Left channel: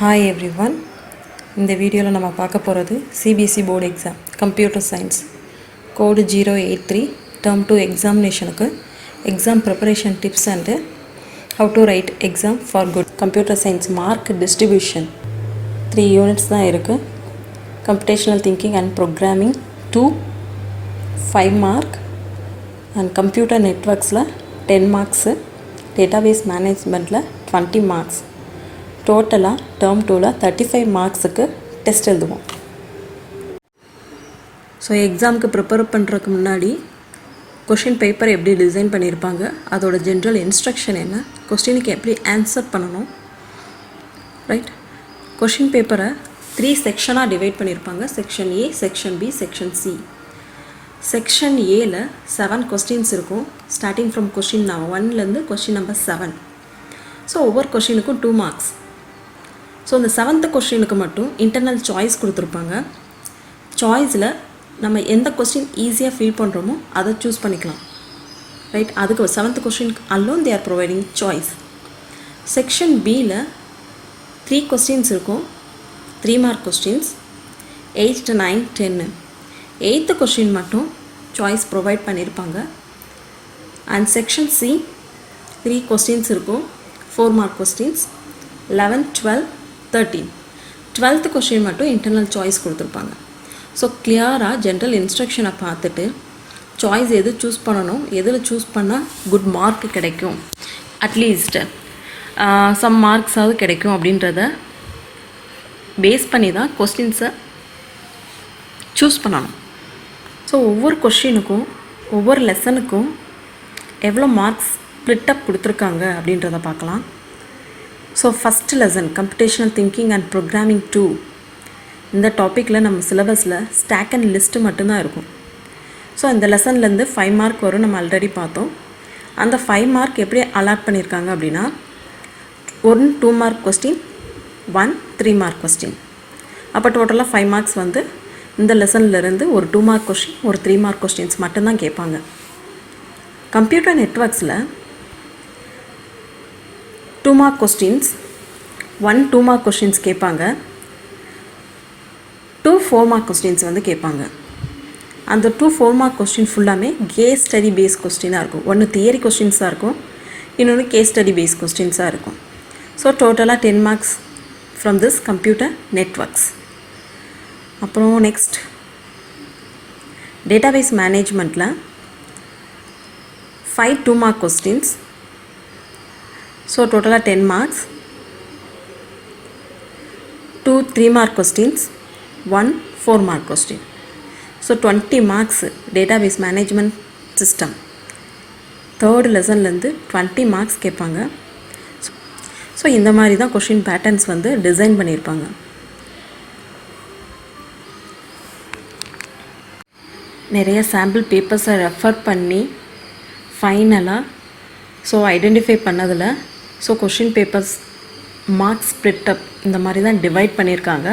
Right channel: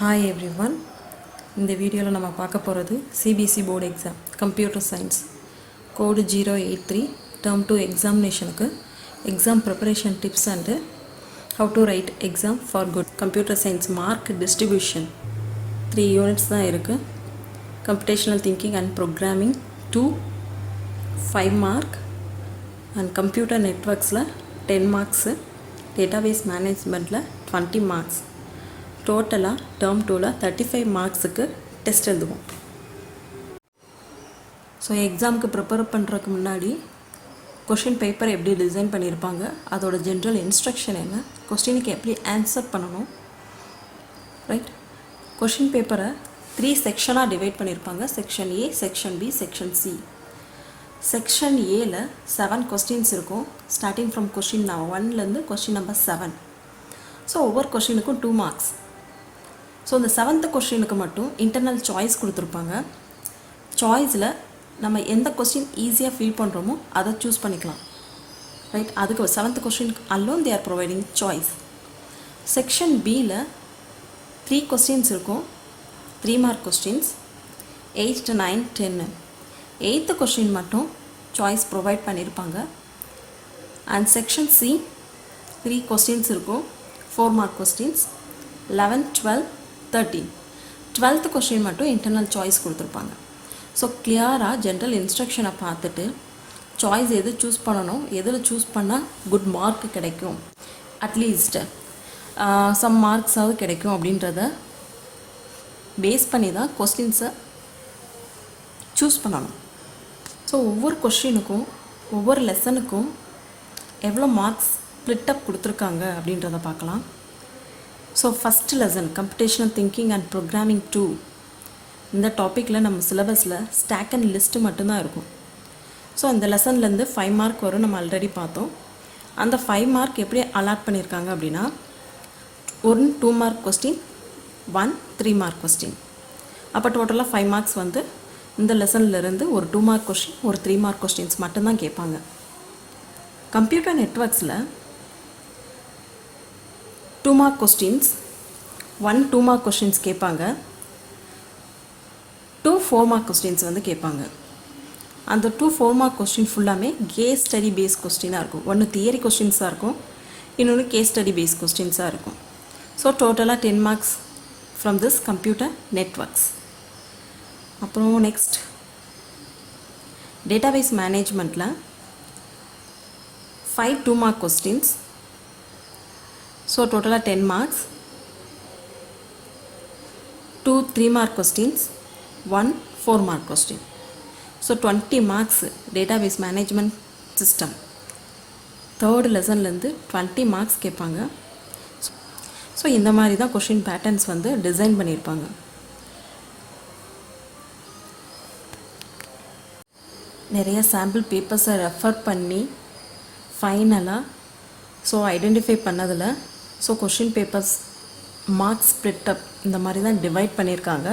Hi everyone. இந்த வீடியோவில் நம்ம பார்க்க போகிறது CBSE board exam computer science code 083 term 2 எக்ஸாமினேஷனுக்கு exam preparation tips and how to write exam for good. Computer science mark distribution 3 units தான் இருக்குது. Computational thinking and programming 2 5 mark and computer நெட்வொர்க்ஸில் 10 marks, database மேனேஜ்மெண்ட்டில் 20 marks. டோட்டலாக term 2ல் 35 மார்க்ஸுக்கு test எழுதுவோம். So எக்ஸாமுக்கு ப்ரிப்பேர் பண்ணுறதுக்கு முன்னாடி கொஷின் பேப்பர் எப்படி டிசைன் பண்ணியிருப்பாங்க, அதோட ஜென்ரல் இன்ஸ்ட்ரக்ஷன் என்ன, கொஸ்டினுக்கு எப்படி ஆன்சர் பண்ணணும், ரைட். கொஷின் பேப்பரை 3 செக்ஷனாக டிவைட் பண்ணியிருப்பாங்க. Section A, section B, section C. Section ஏல 7 கொஸ்டின்ஸ் இருக்கும், ஸ்டார்டிங் ஃப்ரம் கொஷின் 1லேருந்து கொஷின் நம்பர் 7. ஸோ ஒவ்வொரு கொஷினுக்கும் 2 மார்க்ஸ். ஸோ இந்த 7th கொஸ்டினுக்கு மட்டும் இன்டர்னல் சாய்ஸ் கொடுத்துருப்பாங்க. சாய்ஸில் நம்ம எந்த கொஸ்டின் ஈஸியாக ஃபீல் பண்ணுறோமோ அதை சூஸ் பண்ணிக்கலாம், ரைட். அதுக்கு 7th கொஸ்டினுக்கு alone they are providing choice. Section பியில் 3 கொஸ்டின்ஸ் இருக்கும், 3 மார்க் கொஸ்டின்ஸ், 8, 9, 10. 8th கொஸ்டின் மட்டும் சாய்ஸ் ப்ரொவைட் பண்ணியிருப்பாங்க. அண்ட் செக்ஷன் சி 3 கொஸ்டின்ஸ் இருக்கும், 4 மார்க் கொஸ்டின்ஸ், 11, 12, 13. 12th கொஸ்டின் மட்டும் இன்டர்னல் சாய்ஸ் கொடுத்துருப்பாங்க. ஸோ கிளியராக ஜென்ரல் இன்ஸ்ட்ரக்ஷனை பார்த்துட்டு சாய்ஸ் எது சூஸ் பண்ணணும், எதில் சூஸ் பண்ணால் குட் மார்க் கிடைக்கும், அட்லீஸ்ட் சம் மார்க்ஸாவது கிடைக்கும் அப்படின்றத பேஸ் பண்ணி தான் கொஸ்டின்ஸை சூஸ் பண்ணணும். ஸோ ஒவ்வொரு கொஸ்டினுக்கும் ஒவ்வொரு லெசனுக்கும் எவ்வளோ மார்க்ஸ் ஸ்ப்ளிட்டப் கொடுத்துருக்காங்க அப்படின்றத பார்க்கலாம். So first lesson computational thinking and programming 2. இந்த டாப்பிக்கில் நம்ம சிலபஸில் ஸ்டாக் அண்ட் லிஸ்ட்டு மட்டும்தான் இருக்கும். ஸோ இந்த லெசன்லேருந்து 5 மார்க் வரும், நம்ம ஆல்ரெடி பார்த்தோம். அந்த 5 மார்க் எப்படி அலாட் பண்ணியிருக்காங்க அப்படின்னா 1 2 மார்க் கொஸ்டின், 1 3 மார்க் கொஸ்டின். அப்போ டோட்டலாக 5 மார்க்ஸ் வந்து இந்த லெசன்லேருந்து ஒரு 2 மார்க் கொஸ்டின், ஒரு 3 மார்க் கொஸ்டின்ஸ் மட்டும்தான் கேட்பாங்க. கம்ப்யூட்டர் நெட்வொர்க்ஸில் 2 மார்க் கொஸ்டின்ஸ், 1 2 மார்க் கொஸ்டின்ஸ் கேட்பாங்க, 2 4 மார்க் கொஸ்டின்ஸ் வந்து கேட்பாங்க. அந்த 2 4 மார்க் கொஸ்டின் ஃபுல்லாமே கேஸ் ஸ்டடி பேஸ் கொஸ்டினாக இருக்கும். ஒன்று தியரி கொஸ்டின்ஸாக இருக்கும், இன்னொன்று கேஸ் ஸ்டடி பேஸ் கொஸ்டின்ஸாக இருக்கும். ஸோ டோட்டலாக 10 marks from this computer networks. அப்புறம் நெக்ஸ்ட் டேட்டாபேஸ் மேனேஜ்மெண்ட்டில் 5 2 மார்க் கொஸ்டின்ஸ். ஸோ டோட்டலாக 10 marks, 2 3 mark questions, 1 4 mark question. So 20 marks database management system. Third லெசன்லேருந்து 20 மார்க்ஸ் கேட்பாங்க. ஸோ இந்த மாதிரி தான் கொஷின் பேட்டர்ன்ஸ் வந்து டிசைன் பண்ணியிருப்பாங்க. நிறைய சாம்பிள் பேப்பர்ஸை ரெஃபர் பண்ணி ஃபைனலாக ஸோ ஐடென்டிஃபை பண்ணதில் so question papers marks split up இந்த மாதிரி தான் டிவைட் பண்ணியிருக்காங்க.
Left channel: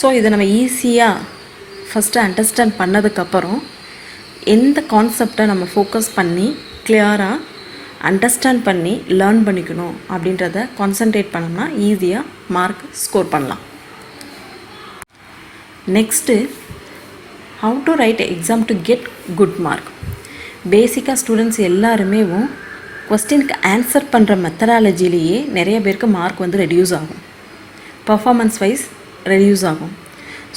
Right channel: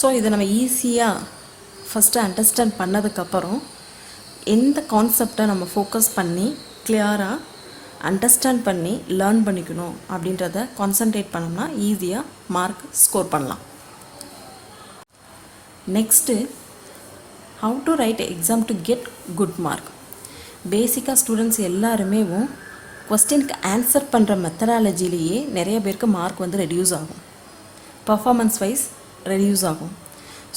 ஸோ இதை நம்ம ஈஸியாக ஃபஸ்ட்டு அண்டர்ஸ்டாண்ட் பண்ணதுக்கப்புறம் எந்த கான்செப்டை நம்ம ஃபோக்கஸ் பண்ணி கிளியராக அண்டர்ஸ்டாண்ட் பண்ணி லேர்ன் பண்ணிக்கணும் அப்படின்றத கான்சன்ட்ரேட் பண்ணோம்னா ஈஸியாக மார்க் ஸ்கோர் பண்ணலாம். Next how to write exam to get good mark. பேசிக்காக ஸ்டூடெண்ட்ஸ் எல்லாருமே கொஸ்டினுக்கு ஆன்சர் பண்ணுற மெத்தடாலஜிலேயே நிறைய பேருக்கு மார்க் வந்து ரெடியூஸ் ஆகும், பர்ஃபார்மன்ஸ் வைஸ் ரெடியூஸ் ஆகும்.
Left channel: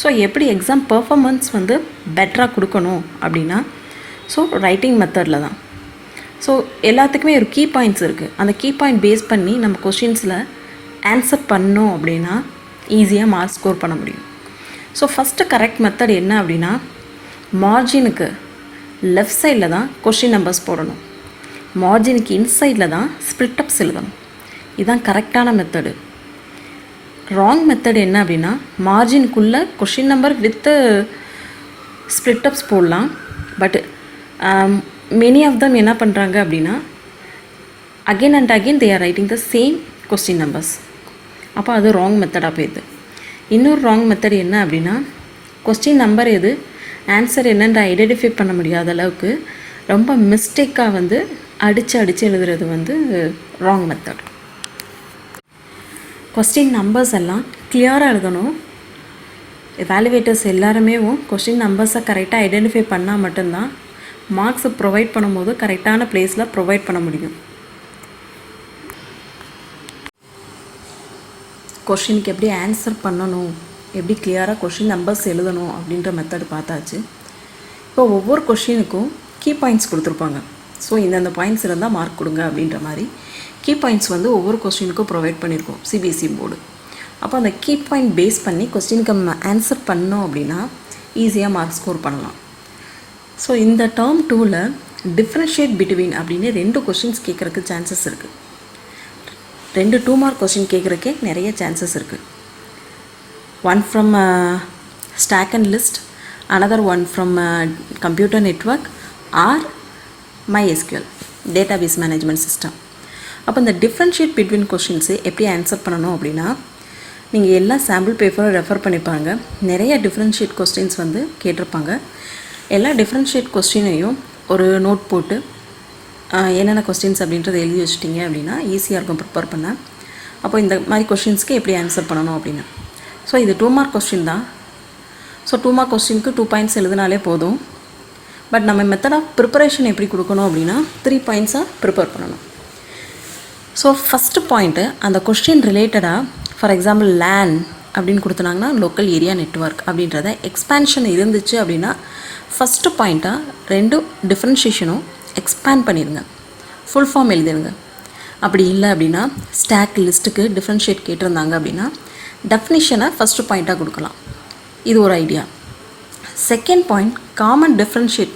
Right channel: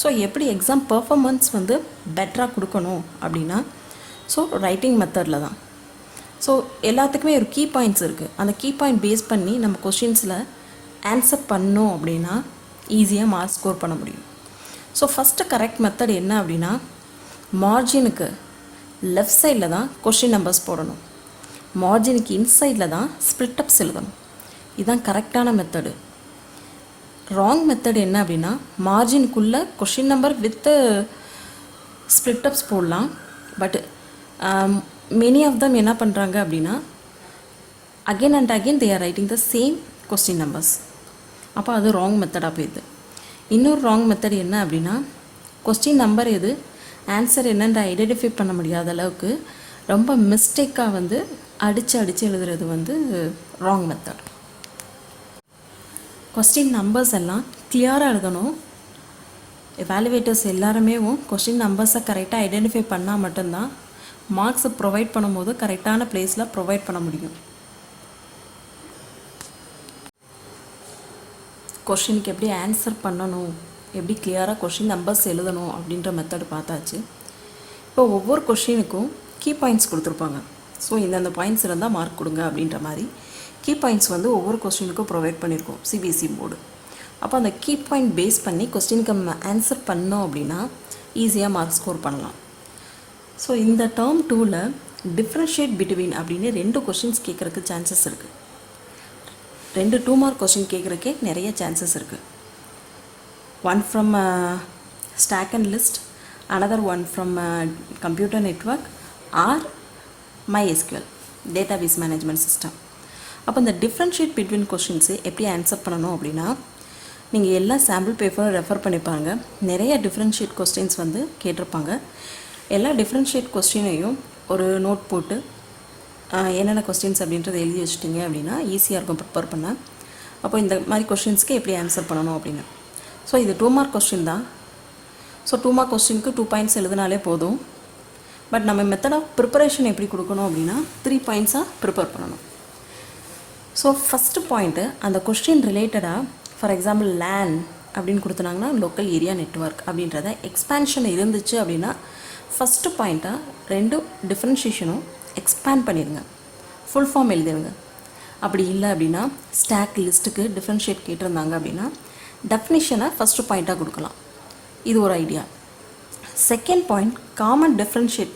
ஸோ எப்படி எக்ஸாம் பர்ஃபார்மன்ஸ் வந்து பெட்டராக கொடுக்கணும் அப்படின்னா ஸோ ரைட்டிங் மெத்தடில் தான். ஸோ எல்லாத்துக்குமே ஒரு கீ பாயிண்ட்ஸ் இருக்குது. அந்த கீ பாயிண்ட் பேஸ் பண்ணி நம்ம கொஷின்ஸில் ஆன்சர் பண்ணோம் அப்படின்னா ஈஸியாக மார்க் ஸ்கோர் பண்ண முடியும். ஸோ ஃபஸ்ட்டு கரெக்ட் மெத்தட் என்ன அப்படின்னா மார்ஜினுக்கு லெஃப்ட் சைடில் தான் கொஷின் நம்பர்ஸ் போடணும், மார்ஜினுக்கு இன்சைடில் தான் ஸ்ப்ளிட்டப்ஸ் எழுதணும். இதுதான் கரெக்டான மெத்தடு. ராங் மெத்தட் என்ன அப்படின்னா மார்ஜினுக்குள்ளே கொஷின் நம்பர் வித்து ஸ்ப்ளிட்டப்ஸ் போடலாம். பட் மெனி ஆஃப் தம் என்ன பண்ணுறாங்க அப்படின்னா again and again they are writing the same question numbers. அப்போ அது ராங் மெத்தடாக போயிடுது. இன்னொரு ராங் மெத்தட் என்ன அப்படின்னா கொஸ்டின் நம்பர் எது ஆன்சர் என்னென்று ஐடென்டிஃபை பண்ண முடியாத அளவுக்கு ரொம்ப மிஸ்டேக்காக வந்து அடித்து எழுதுறது வந்து ராங் மெத்தட். கொஸ்டின் நம்பர்ஸ் எல்லாம் கிளியராக எழுதணும். எவாலுவேட்டர்ஸ் எல்லாருமே கொஸ்டின் நம்பர்ஸை கரெக்டாக ஐடென்டிஃபை பண்ணால் மட்டும்தான் மார்க்ஸை ப்ரொவைட் பண்ணும்போது கரெக்டான பிளேஸில் ப்ரொவைட் பண்ண முடியும். கொஸ்டினுக்கு எப்படி ஆன்சர் பண்ணணும், எப்படி கிளியராக கொஸ்டின் நம்பர்ஸ் எழுதணும் அப்படின்ற மெத்தட் பார்த்தாச்சு. இப்போ ஒவ்வொரு கொஸ்டினுக்கும் கீ பாயிண்ட்ஸ் கொடுத்துருப்பாங்க. ஸோ இந்தந்த பாயிண்ட்ஸ் இருந்தால் மார்க் கொடுங்க அப்படின்ற மாதிரி கீ பாயிண்ட்ஸ் வந்து ஒவ்வொரு கொஸ்டினுக்கும் ப்ரொவைட் பண்ணியிருக்கோம் சிபிஎஸ்சி போர்டு. அப்போ அந்த கீ பாயிண்ட் பேஸ் பண்ணி கொஸ்டினுக்கு நம்ம ஆன்சர் பண்ணோம் அப்படின்னா ஈஸியாக மார்க் ஸ்கோர் பண்ணலாம். ஸோ இந்த டேர்ம் 2ல் டிஃப்ரென்ஷியேட் பிட்வீன் அப்படின்னு 2 கொஸ்டின்ஸ் கேட்குறக்கு சான்சஸ் இருக்குது. 2 2 மார்க் கொஸ்டின் கேட்குறக்கே நிறைய சான்சஸ் இருக்குது. One from stack and list, another one from computer network or MySQL database management system. அப்போ இந்த டிஃப்ரென்ஷியேட் பிட்வீன் கொஸ்டின்ஸு எப்படி ஆன்சர் பண்ணணும் அப்படின்னா நீங்கள் எல்லா சாம்பிள் பேப்பரும் ரெஃபர் பண்ணிப்பாங்க. நிறைய டிஃப்ரென்ஷியேட் கொஸ்டின்ஸ் வந்து கேட்டிருப்பாங்க. எல்லா டிஃப்ரென்ஷியேட் கொஸ்டினையும் ஒரு நோட் போட்டு என்னென்ன கொஸ்டின்ஸ் அப்படின்றத எழுதி வச்சிட்டிங்க அப்படின்னா ஈஸியாக இருக்கும் ப்ரிப்பேர் பண்ண. அப்போ இந்த மாதிரி கொஸ்டின்ஸ்க்கு எப்படி ஆன்சர் பண்ணணும் அப்படின்னு. ஸோ இது 2 மார்க் கொஸ்டின் தான். ஸோ 2 மார்க் கொஸ்டினுக்கு 2 பாயிண்ட்ஸ் எழுதினாலே போதும். பட் நம்ம மெத்தட் ஆஃப் ப்ரிப்பரேஷன் எப்படி கொடுக்கணும் அப்படின்னா 3 பாயிண்ட்ஸாக ப்ரிப்பேர் பண்ணணும். ஸோ ஃபஸ்ட்டு பாயிண்ட்டு அந்த கொஸ்டின் ரிலேட்டடாக ஃபார் எக்ஸாம்பிள் லேன் அப்படின்னு கொடுத்துனாங்கன்னா லோக்கல் ஏரியா நெட்வொர்க் அப்படின்றத எக்ஸ்பேன்ஷன் இருந்துச்சு அப்படின்னா ஃபஸ்ட்டு பாயிண்ட்டாக 2 டிஃப்ரென்ஷியேஷனும் எக்ஸ்பேண்ட் பண்ணிடுங்க, ஃபுல் ஃபார்ம் எழுதிடுங்க. அப்படி இல்லை அப்படின்னா ஸ்டாக் லிஸ்ட்டுக்கு டிஃப்ரென்ஷியேட் கேட்டிருந்தாங்க அப்படின்னா டெஃபினிஷனை ஃபஸ்ட்டு பாயிண்ட்டாக கொடுக்கலாம். இது ஒரு idea. Second point common differentiate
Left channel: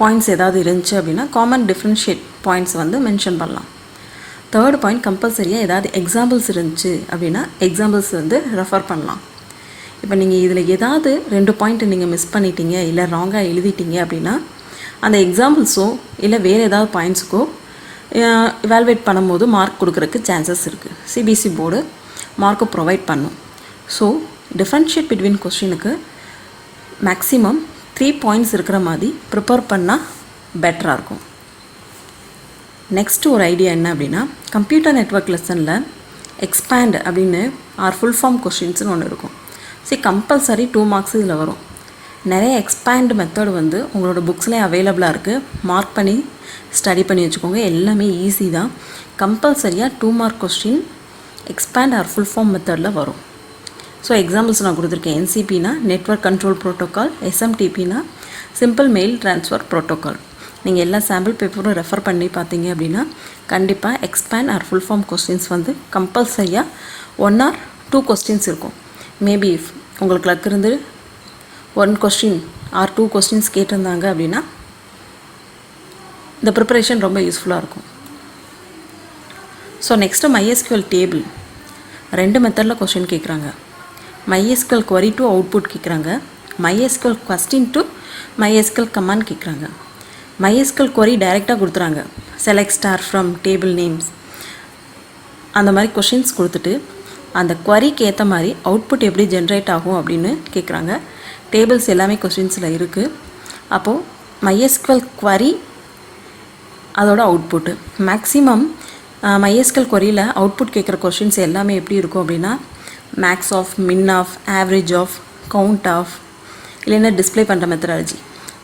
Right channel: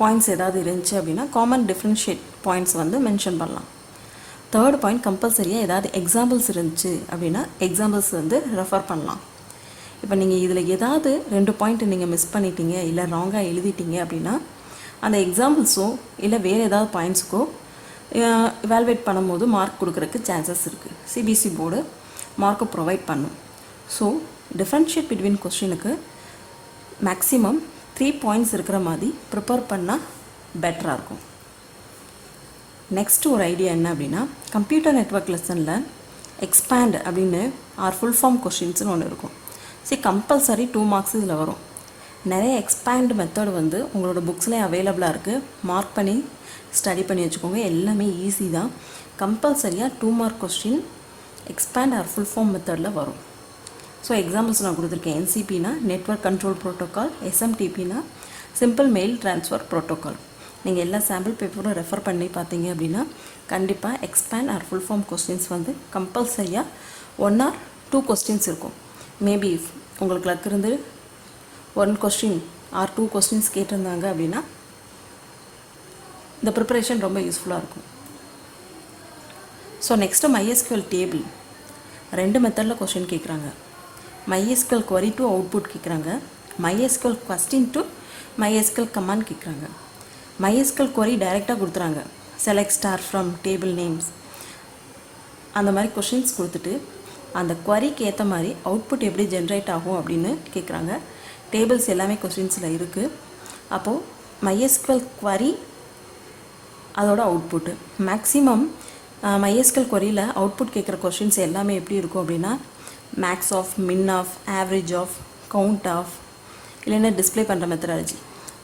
points ஏதாவது இருந்துச்சு அப்படின்னா காமன் டிஃப்ரென்ஷியேட் பாயிண்ட்ஸ் வந்து மென்ஷன் பண்ணலாம். தேர்ட் பாயிண்ட் கம்பல்சரியாக ஏதாவது எக்ஸாம்பிள்ஸ் இருந்துச்சு அப்படின்னா எக்ஸாம்பிள்ஸ் வந்து ரெஃபர் பண்ணலாம். இப்போ நீங்கள் இதில் ஏதாவது 2 பாயிண்ட்டு நீங்கள் மிஸ் பண்ணிட்டீங்க இல்லை ராங்காக எழுதிட்டீங்க அப்படின்னா அந்த எக்ஸாம்பிள்ஸோ இல்லை வேறு ஏதாவது பாயிண்ட்ஸுக்கோ எவாலுவேட் பண்ணும்போது மார்க் கொடுக்குறதுக்கு சான்சஸ் இருக்குது. சிபிஎஸ்சி போர்டு மார்க்கை ப்ரொவைட் பண்ணும். ஸோ டிஃப்ரென்ஷியேட் பிட்வீன் கொஸ்டினுக்கு மேக்ஸிமம் 3 பாயிண்ட்ஸ் இருக்கிற மாதிரி ப்ரிப்பேர் பண்ணால் பெட்டராக இருக்கும். நெக்ஸ்ட்டு ஒரு ஐடியா என்ன அப்படின்னா கம்ப்யூட்டர் நெட்வொர்க் லெசனில் எக்ஸ்பேண்ட் அப்படின்னு ஃபுல் ஃபார்ம் கொஸ்டின்ஸ்னு ஒன்று இருக்கும். சரி, கம்பல்சரி 2 மார்க்ஸ் இதில் வரும். நிறைய எக்ஸ்பேண்ட் மெத்தட் வந்து உங்களோட புக்ஸ்லேயே அவைலபிளாக இருக்குது. மார்க் பண்ணி ஸ்டடி பண்ணி வச்சுக்கோங்க. எல்லாமே ஈஸி தான். கம்பல்சரியாக 2 mark question expand full form மெத்தடில் வரும். ஸோ எக்ஸாம்பிள்ஸ் நான் கொடுத்துருக்கேன். என்சிபினா நெட்வொர்க் கண்ட்ரோல் ப்ரோட்டோக்கால், எஸ்எம்டிபினா சிம்பிள் மெயில் ட்ரான்ஸ்ஃபர் ப்ரோட்டோக்கால். நீங்கள் எல்லா சாம்பிள் பேப்பரும் ரெஃபர் பண்ணி பார்த்தீங்க அப்படின்னா கண்டிப்பாக எக்ஸ்பேண்ட் ஃபுல் ஃபார்ம் கொஸ்டின்ஸ் வந்து கம்பல்சரியாக 1 or 2 கொஸ்டின்ஸ் இருக்கும். மேபி உங்களுக்கு லக் இருந்து 1 கொஸ்டின் or 2 கொஸ்டின்ஸ் கேட்டிருந்தாங்க அப்படின்னா இந்த ப்ரிப்பரேஷன் ரொம்ப யூஸ்ஃபுல்லாக இருக்கும். ஸோ நெக்ஸ்ட்டு MySQL டேபிள் 2 மெத்தடில் கொஸ்டின் கேட்குறாங்க. MySQL query to அவுட்புட் கேட்குறாங்க. MySQL question to MySQL command கேட்குறாங்க. MySQL query டைரெக்டாக கொடுத்துறாங்க. Select star from table names அந்த மாதிரி கொஷின்ஸ் கொடுத்துட்டு அந்த queryக்கு ஏற்ற மாதிரி அவுட்புட் எப்படி ஜென்ரேட் ஆகும் அப்படின்னு கேட்குறாங்க. டேபிள்ஸ் எல்லாமே கொஸ்டின்ஸில் இருக்குது. அப்போது MySQL query அதோட அவுட்புட்டு மேக்ஸிமம் MySQL queryயில் அவுட்புட் கேட்குற கொஷின்ஸ் எல்லாமே எப்படி இருக்கும் அப்படின்னா max of, min of, average of, count of, இல்லைன்னா டிஸ்பிளே பண்ணுற methodology.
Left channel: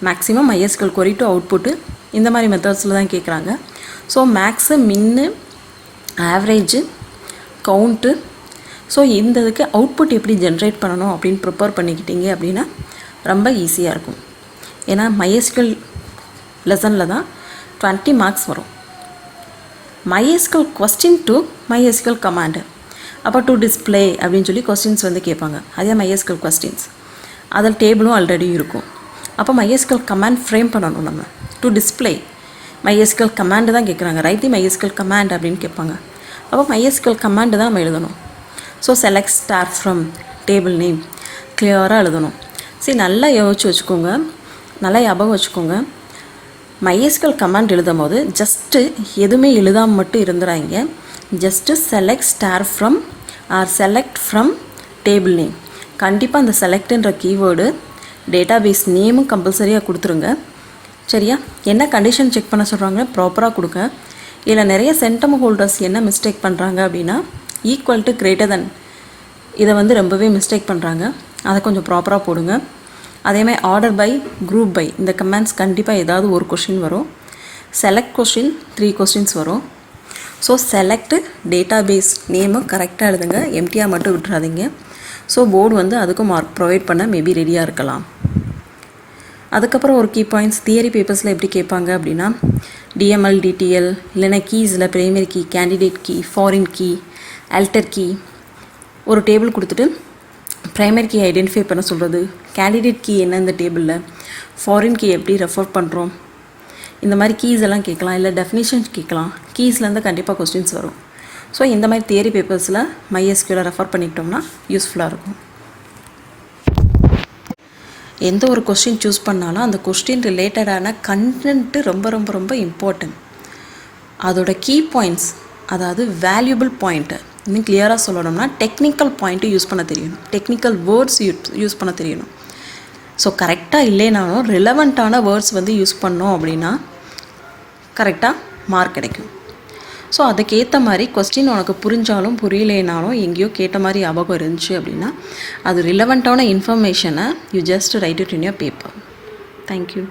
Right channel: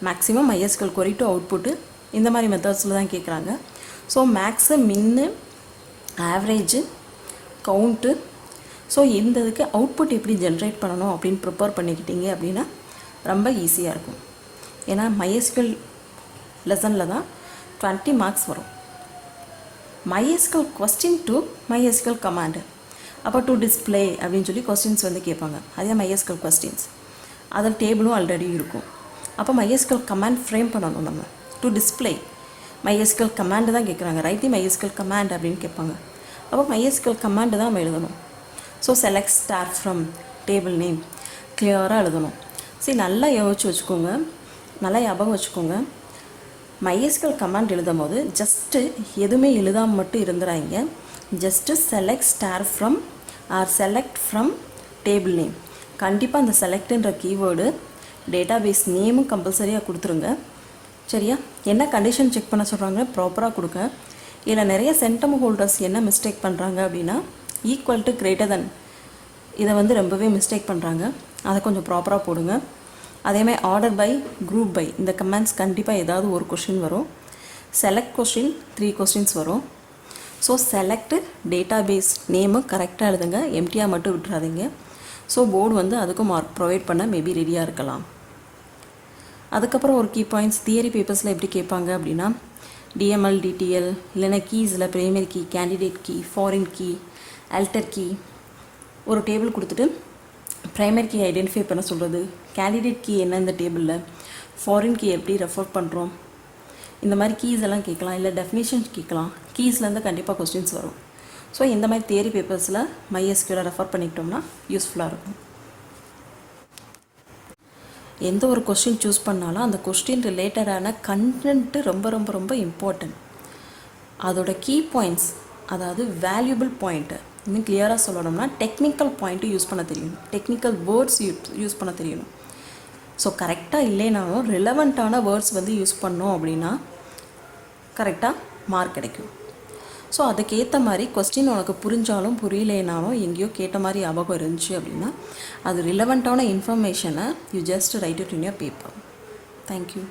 Maximum MySQL query to output இந்த மாதிரி மெத்தட்ஸில் தான் கேட்குறாங்க. So max, min, average, count, so இந்த இதுக்கு அவுட்புட் எப்படி ஜென்ரேட் பண்ணணும் அப்படின்னு ப்ரிப்பேர் பண்ணிக்கிட்டீங்க அப்படின்னா ரொம்ப ஈஸியாக இருக்கும். ஏன்னா MySQL லெசனில் தான் 20 மார்க்ஸ் வரும். MySQL question to MySQL command அப்போ டு டிஸ்பிளே அப்படின்னு சொல்லி கொஸ்டின்ஸ் வந்து கேட்பாங்க. அதே MySQL கொஸ்டின்ஸ் அதில் டேபிளும் ஆல்ரெடி இருக்கும். அப்போ MySQL கமாண்ட் ஃப்ரேம் பண்ணணும். நம்ம டு டிஸ்பிளே MySQL கமாண்டு தான் கேட்குறாங்க. ரைட் தி MySQL கமாண்ட் அப்படின்னு கேட்பாங்க. அப்போ MySQL கமாண்டு தான் நம்ம எழுதணும். So select star from table name கிளியராக எழுதணும். சரி, நல்லா யோசிச்சு வச்சுக்கோங்க, நல்லா ஞாபகம் வச்சுக்கோங்க. MySQL கமாண்ட் எழுதும் போது ஜஸ்ட்டு எதுவுமே எழுதாமல் மட்டும் இருந்துறாங்க. Just select star from select from table name. கண்டிப்பாக அந்த செலக்ட்ன்ற கீவேர்டு டேட்டாபேஸ் நேமும் கம்பல்சரியாக கொடுத்துருங்க. சரியா? என்ன கண்டிஷன் செக் பண்ண சொல்கிறாங்க ப்ராப்பராக கொடுங்க. இதில் நிறைய சென்டம் ஹோல்டர்ஸ் என்ன மிஸ்டேக் பண்ணுறாங்க அப்படின்னா ஈக்குவல் டு கிரேட்டர் தென் இதை வந்து ரொம்பவே மிஸ்டேக் பண்ணுறாங்க. அதை கொஞ்சம் ப்ராப்பராக போடுங்க. அதேமாதிரி ஆர்டர் பை, குரூப் பை, இந்த கமெண்ட்ஸ் கண்டிப்பாக ஏதாவது ஒரு கொஷின் வரும். செலக்ட் கொஷின் 3 கொஸ்டின்ஸ் வரும். ஸோ செலக்ட் டேட்டாபேஸ் நேமை கரெக்டாக எழுதுங்க, எம்டிஆர் மட்டும் விட்டுறாதீங்க. ஸோ போர்டு வந்து அதுக்கும் மார்க் ப்ரொவைட் பண்ண மேபி ரெடியாக இருக்கலாம். அதுக்கப்புறம் ஒரு கீ பாயிண்ட்ஸ் தியரி பேப்பர்ஸில் எப்படி கேட்பாங்க அப்படின்னா, டிஎம்எல், டிடிஎல், இல்லைனா கீஸில் primary key, candidate key, foreign key, alter key, ஒரு டேபிள் கொடுத்துட்டு ப்ரைமரி கீ ஐடென்டிஃபை பண்ண சொல்கிறது, கேண்டிடேட் கீ என்ன இந்த டேபிளில், ஃபாரின் கீ எப்படி ரெஃபர் பண்ணுறோம், இந்த மாதிரி கீஸ் எல்லாம் கேட்கலாம். இல்லை டெஃபினேஷன் கேட்கலாம். கீஸ்லேருந்து கண்டிப்பாக கொஸ்டின்ஸ் வரும். ஸோ இந்த மாதிரி தியரி பேப்பர்ஸில் MySQL ரெஃபர் பண்ணிக்கிட்டோம்னா யூஸ்ஃபுல்லாக இருக்கும். எந்த ஒரு கொஸ்டின் சூஸ் பண்ணாலும் அந்த கொஸ்டின் ரிலேட்டடான கண்டென்ட்டு ரொம்ப ரொம்ப ரொம்ப இம்பார்ட்டன்ட். அதோட கீ பாயிண்ட்ஸ், அதாவது வேல்யூபிள் பாயிண்ட்டு, இன்னும் கிளியராக சொல்லணும்னா டெக்னிக்கல் பாயிண்ட்டு யூஸ் பண்ண தெரியணும், டெக்னிக்கல் வேர்ட்ஸ் யூஸ் பண்ண தெரியணும். ஸோ கரெக்டாக இல்லைனாலும் ரிலவெண்ட்டான வேர்ட்ஸ் வந்து யூஸ் பண்ணோம் அப்படின்னா கரெக்டாக மார்க் கிடைக்கும். ஸோ அதுக்கேற்ற மாதிரி கொஸ்டின் உனக்கு புரிஞ்சாலும் புரியலேனாலும் எங்கேயோ கேட்ட மாதிரி ஞாபகம் இருந்துச்சு அப்படின்னா அது ரிலவெண்ட்டான இன்ஃபர்மேஷனை you just right it in your paper. Thank you.